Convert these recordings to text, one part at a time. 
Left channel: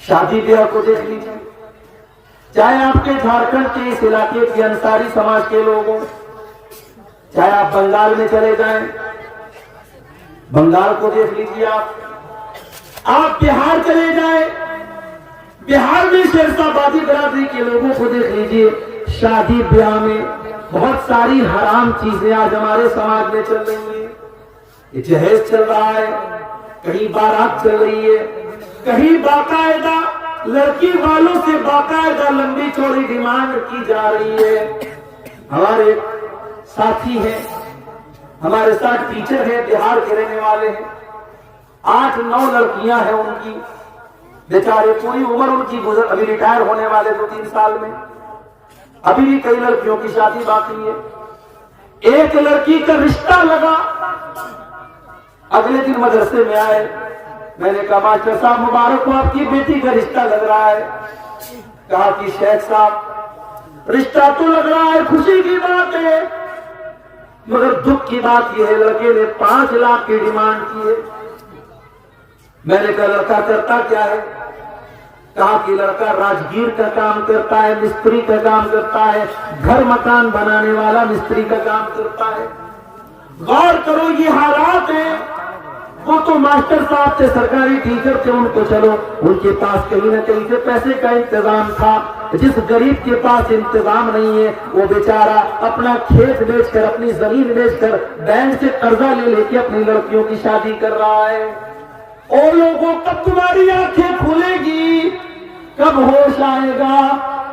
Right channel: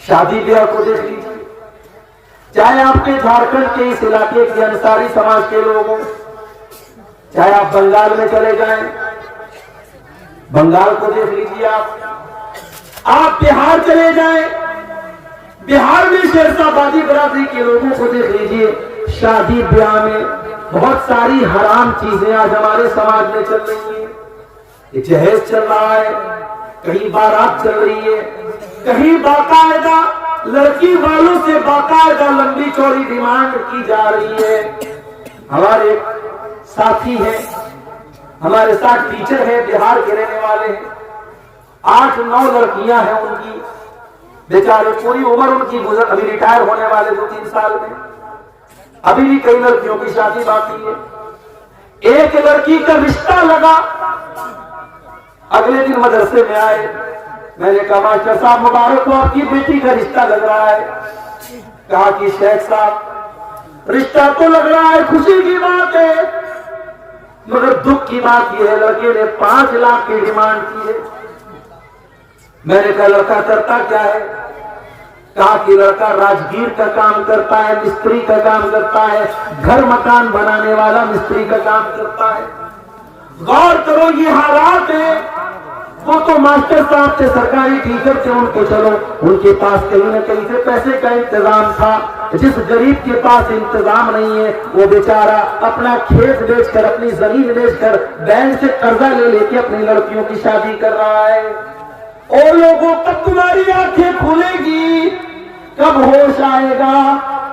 شادی بیاہ کو دیکھ لیجیے، چاہے آپ کے جھارکھنڈ کے اس علاقے کے انصاری سماج کے لوگ ہوں، چاہے آپ بنگال میں چلے جائیں، بنگال کو دیکھ لیجیے، آپ بہار چلے جائیں، بہار میں شیرشاہ برادری کے لوگوں کو دیکھ لیجیے، شادی بیاہ میں بہت ساری حرام چیزیں آج ہمارے سماج میں چل رہی ہیں۔ یہ جہیز چل رہا ہے، کہیں بارات چل رہی ہے، کہیں باقاعدہ لڑکی والوں سے باقاعدہ لمبی چوڑی ڈیمانڈ کی جا رہی ہے۔ ہمارے ساتھی ہیں، ہمارے ساتھ ٹیچر ہیں، بہار کے رہنے والے ہیں، 8-9 لڑکیاں ہیں ان کی، بیچارے پوری عمر ان کی گزر، ابھی ریٹائر ہونے والے 2-3 سال میں، ابھی بھی کئی لڑکیوں کی شادی باقی ہے۔ ایک لڑکی کا رشتہ لگا، اگلے دن مدرسے میں آئے، میں نے کہا ماسٹر صاحب مبارک ہو، آپ کی بیٹی کا رشتہ لگ رہا ہے۔ کہا کہ شیخ صاحب رشتہ تو لگ رہا ہے، خوشی کی بات ہے، مگر دکھ کی بات یہ ہے لڑکے نے 5 لاکھ کی ڈیمانڈ کی ہے۔ میں نے کہا لڑکا کرتا کیا ہے؟ کہا کہ لڑکا راجگیر کا کام کرتا ہے، مستری کا کام کرتا ہے، گھر مکان بنانے والا مستری کا کام کرتا ہے۔ غور کرو یہ حالات ہیں۔ وہ تو ماسٹر صاحب تھے، سرکاری ٹیچر تھے، ان کو چلو ان کے پاس کہیں نہ کہیں سے پیسے کا انتظام تھا۔ جس غریب کے پاس انتظام نہیں ہے وہ بیچارہ اپنا کھیت بیچ کر، اپنی زمین بیچ کر، بینک سے قرضہ لے کے اپنی لڑکیوں کی شادی کر رہا ہے۔ اور لوگوں کب تمہاری آنکھیں کھلے گی، کب ہوش آئے گا؟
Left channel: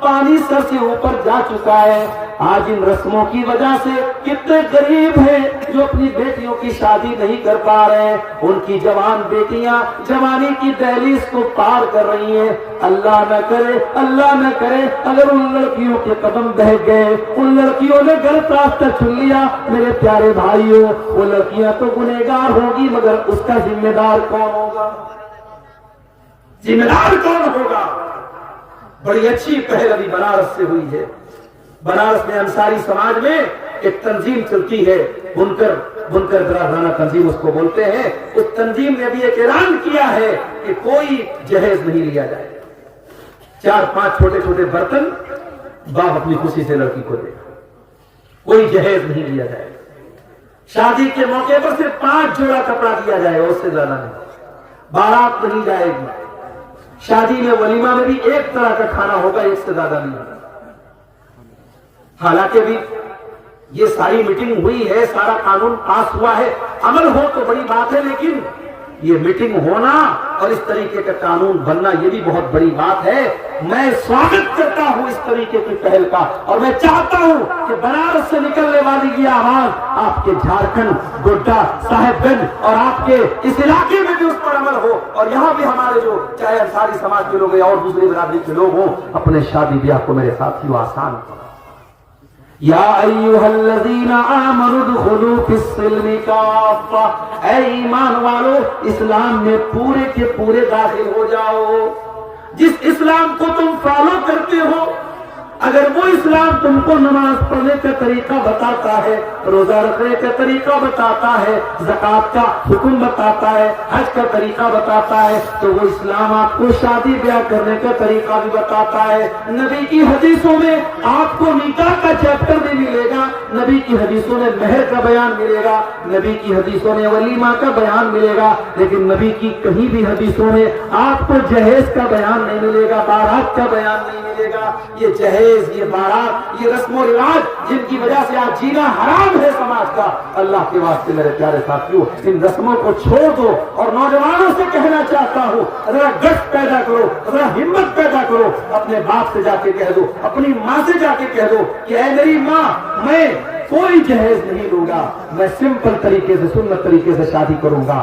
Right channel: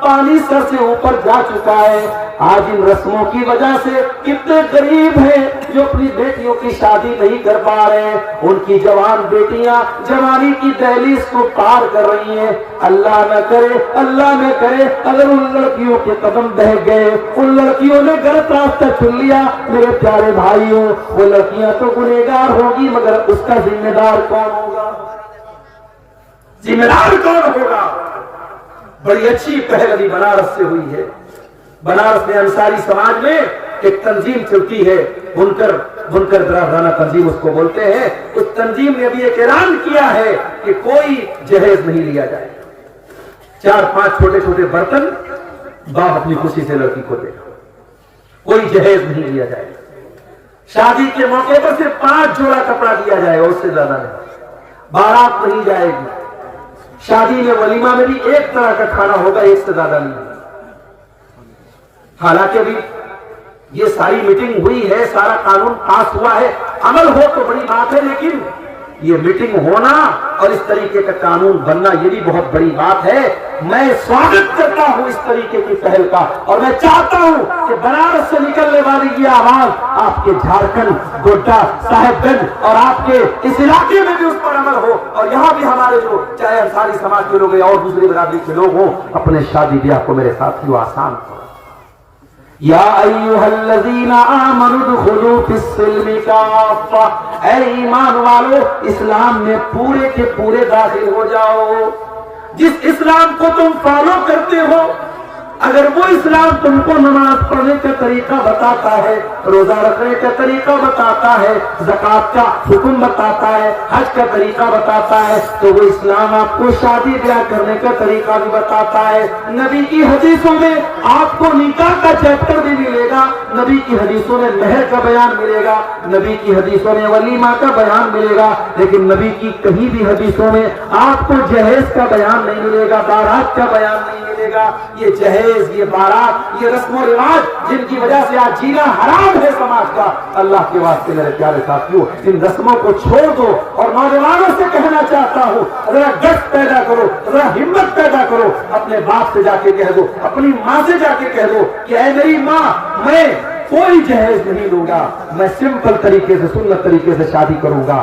پانی سر سے اوپر جا چکا ہے۔ آج ان رسموں کی وجہ سے کتنے غریب ہیں جو اپنی بیٹیوں کی شادی نہیں کر پا رہے ہیں، ان کی جوان بیٹیاں جوانی کی دہلیز کو پار کر رہی ہیں۔ اللہ نہ کرے، اللہ نہ کرے اگر ان لڑکیوں کے قدم بہ گئے، ان لڑکیوں نے غلط راستہ چن لیا، میرے پیارے بھائیوں، وہ لڑکیاں تو گنہگار ہوگی مگر اس کا ذمہ دار کون ہوگا؟ ذمہ دار کون ہوگا؟ بڑی اچھی پہل ابھی بنارس سے ہوئی ہے۔ بنارس میں انصاری سماج میں ایک تنظیم چلتی ہے، بنکر برادرانہ تنظیم اس کو بولتے ہیں۔ اس تنظیم نے ابھی ایک اعلان کیا ہے کہ کوئی جہیز نہیں لیا جائے، 4-5 چھوٹے چھوٹے برتن باپ اپنی خوشی سے لڑکی کو دے گا، کوئی جہیز نہیں لیا جائے۔ شادی کے موقع پر صرف 5 جوڑا کپڑا دیا جائے گا، اس سے زیادہ نہیں۔ بارات نہیں جائے گی، شادی میں ولیمہ میں بھی ایک طرح کا کھانا ہوگا، ایک سے زیادہ نہیں۔ حالانکہ ابھی یہ ساری میٹنگ ہوئی ہے، سارا قانون پاس ہوا ہے، عمل ہو تو بڑی بات ہے، لیکن یہ میٹنگ ہونا اور اس طریقے کا قانون بننا یہ بھی بہت بڑی بات ہے۔ میں سواگت کرتا ہوں اس طریقے کی پہل کا، اور میں چاہتا ہوں کہ بنارس سے نکلنے والی یہ آواز آپ کے جھارکھنڈ، گوڈا، صاحب گنج اور آپ کے اس علاقے میں بھی اس پر عمل ہو، اور یہاں بھی ہمارے جو چاہے انصاری سماج کے لوگ ہیں اور دوسری برادری کے لوگ ہوں، اپنے شادی بیاہ کو میرے ساتھیوں آسان کرو۔ یا ایھا الذین آمنوا ادخلوا فی السلم کافہ، اے ایمان والو اسلام میں پورے کے پورے داخل ہو جاؤ۔ جس اسلام کو تم فالو کرتے ہو، اگر وہ اسلام تم کو نماز پڑھنے کا طریقہ بتاتا ہے، روزہ رکھنے کا طریقہ بتاتا ہے، زکوٰۃ کا حکم بتاتا ہے، حج کا طریقہ بتاتا ہے، تو وہ اسلام آپ کو شادی بیاہ کرنے کا طریقہ بھی بتاتا ہے۔ نبی کی حدیثوں میں آپ کو نکاح کا چیپٹر بھی ملے گا، نبی کی حدیثوں میں مہر کا بیان ملے گا، نبی کی حدیثوں میں ولیمہ کا بیان ملے گا، لیکن نبی کی کہیں بھی حدیثوں میں آپ کو جہیز کا بیان نہیں ملے گا، بارات کا بیان نہیں ملے گا۔ یہ جہیز، یہ بارات، یہ رسم و رواج جن کی وجہ سے آج جینا حرام ہے سماج کا، اللہ کے واسطے میرے پیارے ساتھیوں ان رسموں کو چھوڑ دو۔ اور نوجوانوں سے کہنا چاہتا ہوں، ذرا گٹ پیدا کرو، ذرا ہمت پیدا کرو، اپنے باپ سے جا کے کہہ دو، اپنی ماں سے جا کے کہہ دو کہ اے میری ماں، میں کوئی جہیز نہیں لوں گا، میں سمپل طریقے سے، سنت طریقے سے شادی کروں گا۔